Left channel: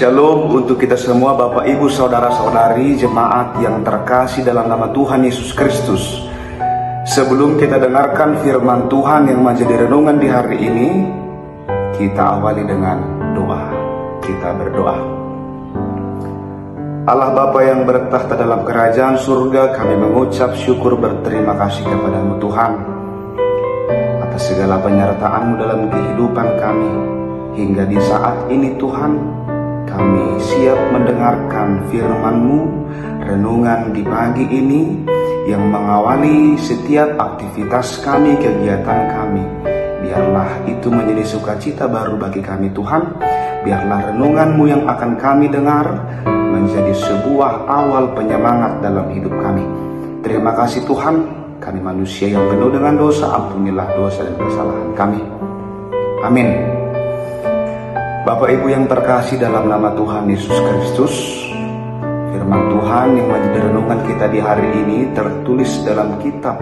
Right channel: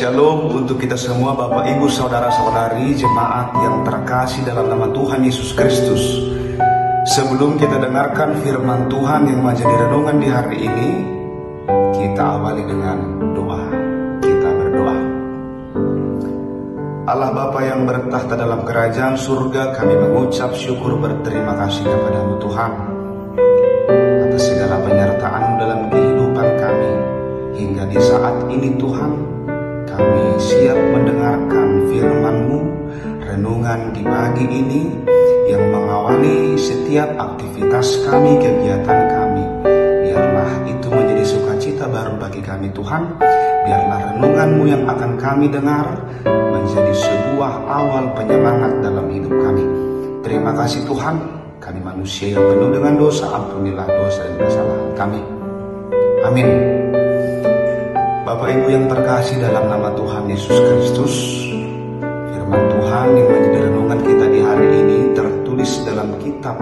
Shalom untuk kita semua, Bapak Ibu Saudara-saudari jemaat yang terkasih dalam nama Tuhan Yesus Kristus. Sebelum kita dengarkan firman Tuhan yang menjadi renungan di hari ini, kita awali dengan doa. Kita berdoa. Allah Bapa yang bertahta dalam kerajaan surga, kami mengucap syukur berterima kasih kepada-Mu Tuhan atas segala penyertaan-Mu dalam kehidupan kami. Hingga di saat ini Tuhan, kami siap mendengarkan firman-Mu, renungan di pagi ini yang mengawali setiap aktivitas kami, kegiatan kami. Biarlah itu menjadi sukacita baru bagi kami Tuhan. Biarlah renungan-Mu yang akan kami dengar menjadi sebuah awal penyemangat dalam hidup kami. Terima kasih Tuhan, kami manusia yang penuh dengan dosa, ampunilah dosa dan kesalahan kami. Amin. Bapak Ibu yang terkasih dalam nama Tuhan Yesus Kristus, firman Tuhan yang menjadi renungan kita di hari ini tertulis dalam kitab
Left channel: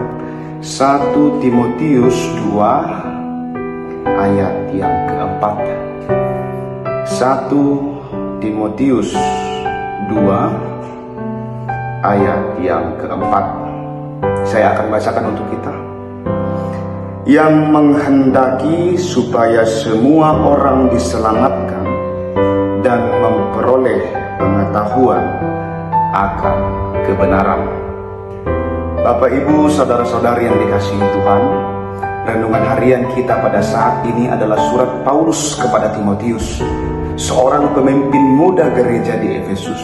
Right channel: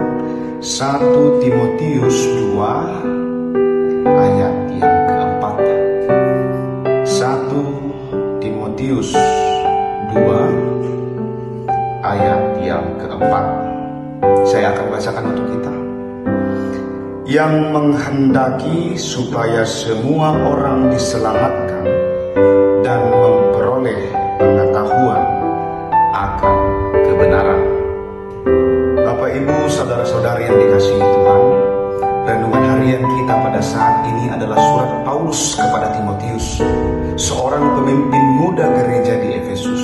1 Timotius 2 ayat yang keempat. 1 Timotius 2 ayat yang keempat. Saya akan bacakan untuk kita. Yang menghendaki supaya semua orang diselamatkan dan memperoleh pengetahuan akan kebenaran. Bapak Ibu Saudara-saudari yang dikasihi Tuhan, renungan harian kita pada saat ini adalah surat Paulus kepada Timotius, seorang pemimpin muda gereja di Efesus.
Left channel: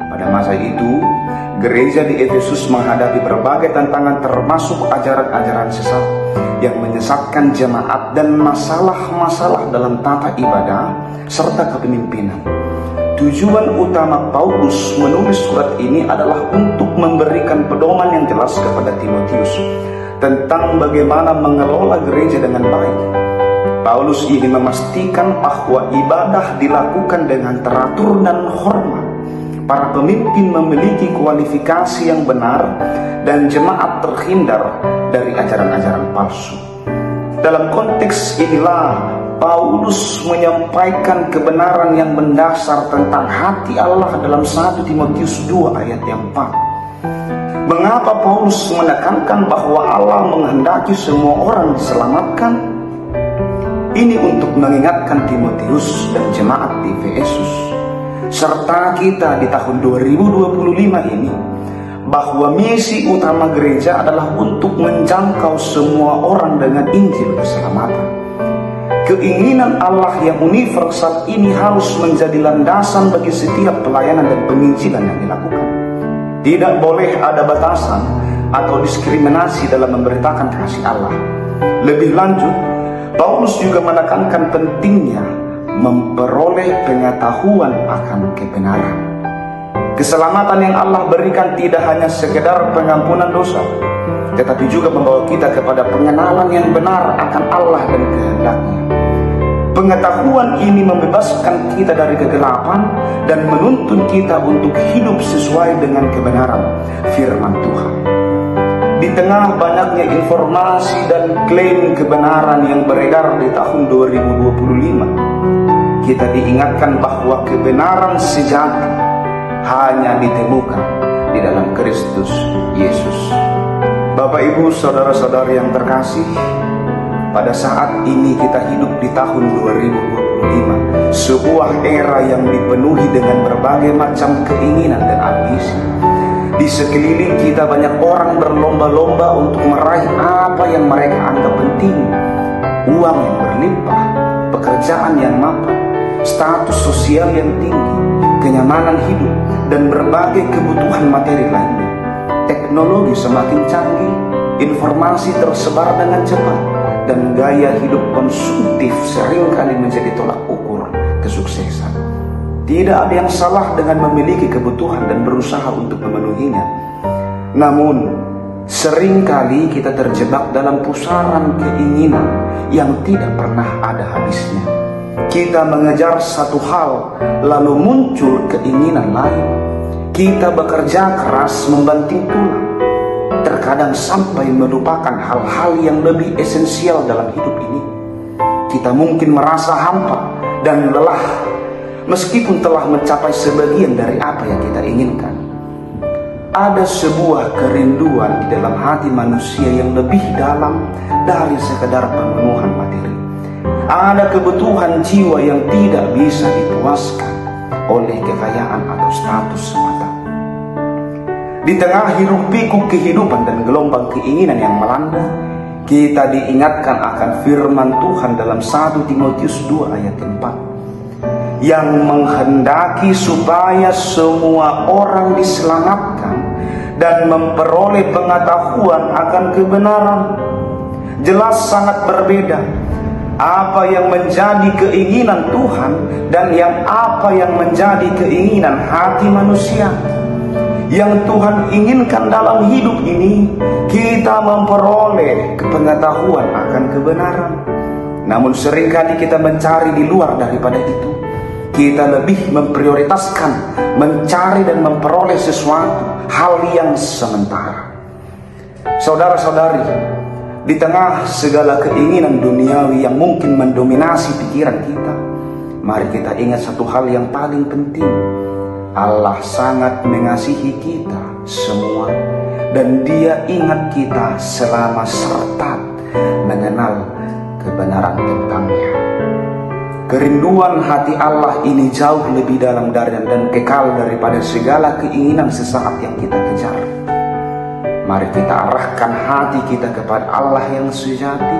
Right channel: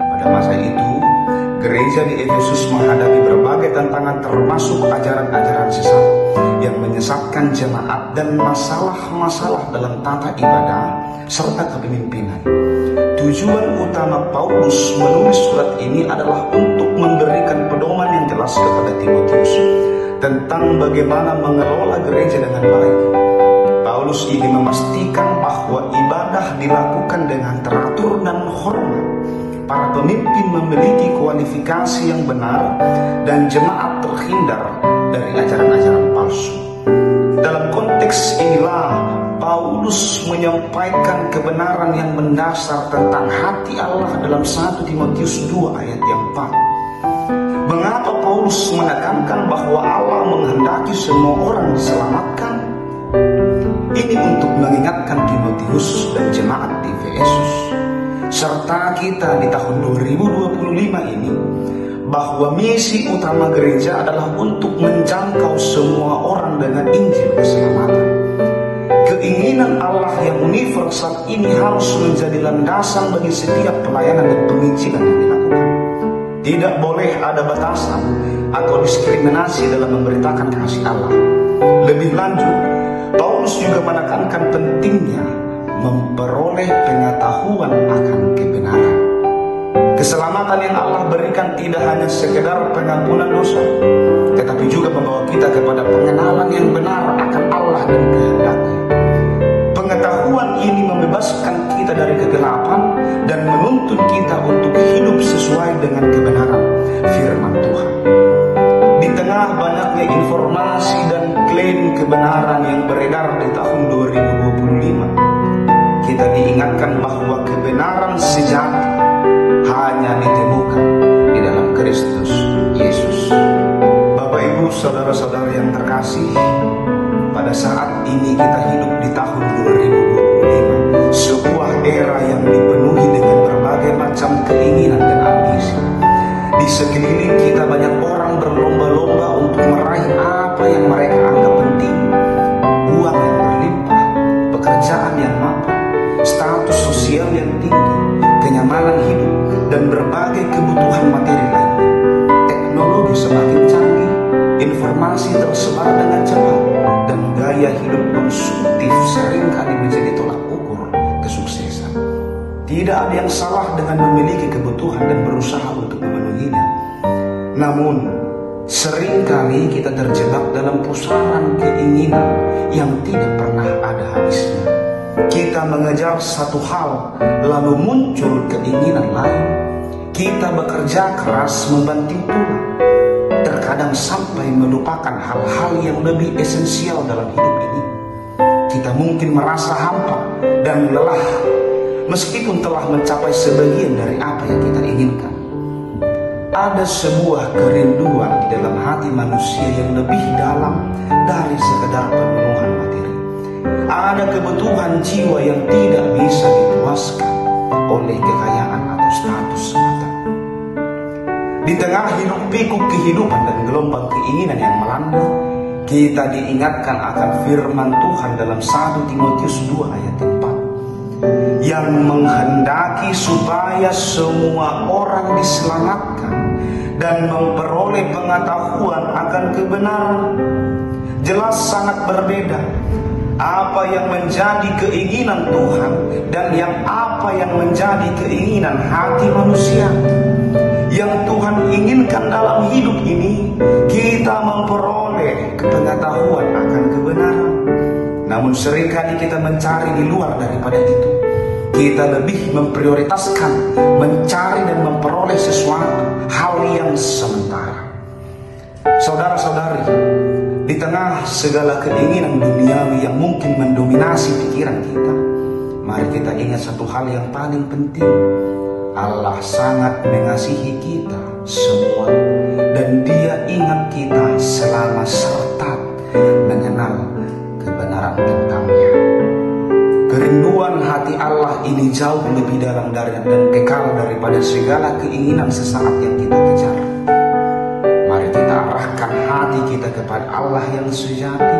Pada masa itu, gereja di Efesus menghadapi berbagai tantangan termasuk ajaran-ajaran sesat yang menyesatkan jemaat dan masalah-masalah dalam tata ibadah serta kepemimpinan. Tujuan utama Paulus menulis surat ini adalah untuk memberikan pedoman yang jelas kepada Timotius tentang bagaimana mengelola gereja dengan baik. Paulus ingin memastikan bahwa ibadah dilakukan dengan teratur dan hormat. Para pemimpin memiliki kualifikasi yang benar dan jemaat terhindar dari ajaran-ajaran palsu. Dalam konteks inilah Paulus menyampaikan kebenaran yang mendasar tentang hati Allah dalam 1 Timotius 2 ayat yang 4. Mengapa Paulus menekankan bahwa Allah menghendaki semua orang diselamatkan? Ini untuk mengingatkan Timotius dan jemaat di Efesus serta kita di tahun 2025 ini bahwa misi utama gereja adalah untuk menjangkau semua orang dengan Injil keselamatan. Keinginan Allah yang universal ini harus menjadi landasan bagi setiap pelayanan dan penginjilan yang dilakukan. Tidak boleh ada batasan atau diskriminasi dalam memberitakan kasih Allah. Lebih lanjut, Paulus juga menekankan pentingnya memperoleh pengetahuan akan kebenaran. Keselamatan yang Allah berikan tidak hanya sekedar pengampunan dosa, tetapi juga membawa kita kepada pengenalan yang benar akan Allah dan kehendaknya. Pengetahuan ini membebaskan kita dari kegelapan dan menuntun kita untuk hidup sesuai dengan kebenaran firman Tuhan. Di tengah banyaknya informasi dan klaim kebenaran yang beredar di tahun 2025, kita diingatkan bahwa kebenaran sejati hanya ditemukan di dalam Kristus Yesus. Bapak Ibu Saudara-saudari yang terkasih, pada saat ini kita hidup di tahun 2025, sebuah era yang dipenuhi dengan berbagai macam keinginan dan ambisi. Di sekeliling kita banyak orang berlomba-lomba untuk meraih apa yang mereka anggap penting. Uang yang berlimpah, pekerjaan yang mapan, status sosial yang tinggi, kenyamanan hidup, dan berbagai kebutuhan materi lainnya. Teknologi semakin canggih, informasi tersebar dengan cepat, dan gaya hidup konsumtif seringkali menjadi tolak ukur kesuksesan. Tidak ada yang salah dengan memiliki kebutuhan dan berusaha untuk memenuhinya. Namun, seringkali kita terjebak dalam pusaran keinginan yang tidak pernah ada habisnya. Kita mengejar satu hal, lalu muncul keinginan lain. Kita bekerja keras membanting tulang, terkadang sampai melupakan hal-hal yang lebih esensial dalam hidup ini. Kita mungkin merasa hampa dan lelah meskipun telah mencapai sebagian dari apa yang kita inginkan. Ada sebuah kerinduan di dalam hati manusia yang lebih dalam dari sekedar pemenuhan materi. Ada kebutuhan jiwa yang tidak bisa dipuaskan oleh kekayaan atau status semata. Di tengah hiruk pikuk kehidupan dan gelombang keinginan yang melanda, kita diingatkan akan firman Tuhan dalam 1 Timotius 2 ayat 4, yang menghendaki supaya semua orang diselamatkan dan memperoleh pengetahuan akan kebenaran. Jelas sangat berbeda apa yang menjadi keinginan Tuhan dan apa yang menjadi keinginan hati manusia. Yang Tuhan inginkan dalam hidup ini, kita memperoleh pengetahuan akan kebenaran. Namun seringkali kita mencari di luar daripada itu. Kita lebih memprioritaskan mencari dan memperoleh sesuatu hal yang sementara. Saudara-saudari, di tengah segala keinginan duniawi yang mungkin mendominasi pikiran kita, mari kita ingat satu hal yang paling penting. Allah sangat mengasihi kita semua, dan Dia ingat kita selama serta mengenal kebenaran tentangnya. Kerinduan hati Allah ini jauh lebih dalam dan kekal daripada segala keinginan sesaat yang kita kejar. Mari kita arahkan hati kita kepada Allah yang sejati.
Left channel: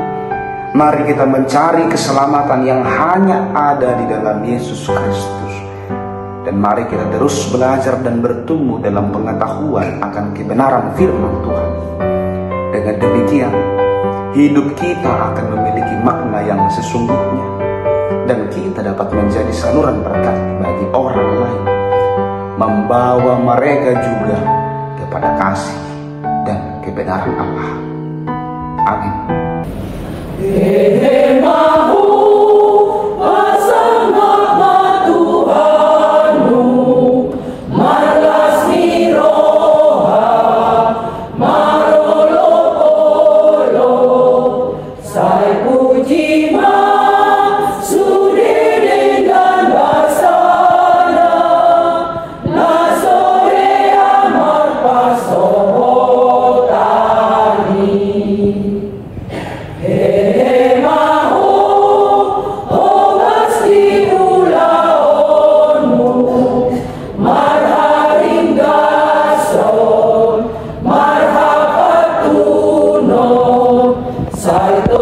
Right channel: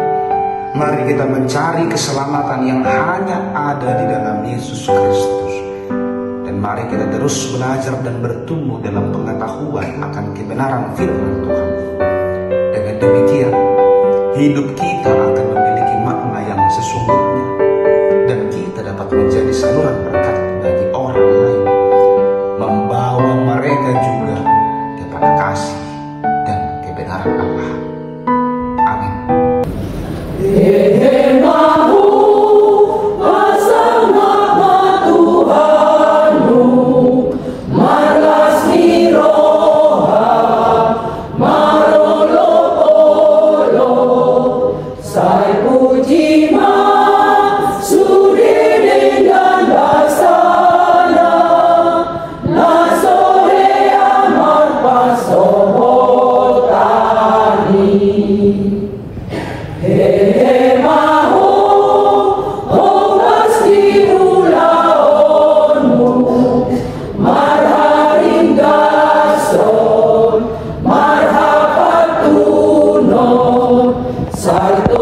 Mari kita mencari keselamatan yang hanya ada di dalam Yesus Kristus. Dan mari kita terus belajar dan bertumbuh dalam pengetahuan akan kebenaran firman Tuhan. Dengan demikian, hidup kita akan memiliki makna yang sesungguhnya, dan kita dapat menjadi saluran berkat bagi orang lain, membawa mereka juga kepada kasih dan kebenaran Allah. Amin. Sai to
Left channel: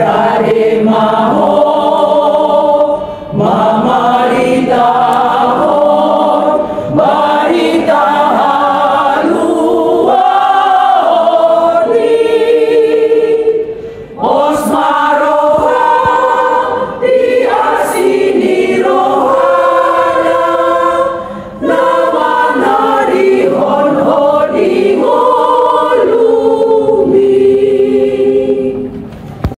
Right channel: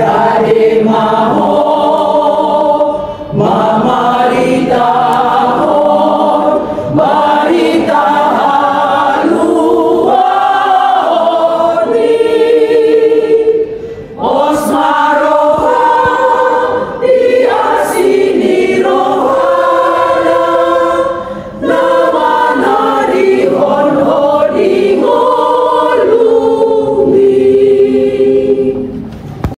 dari mahal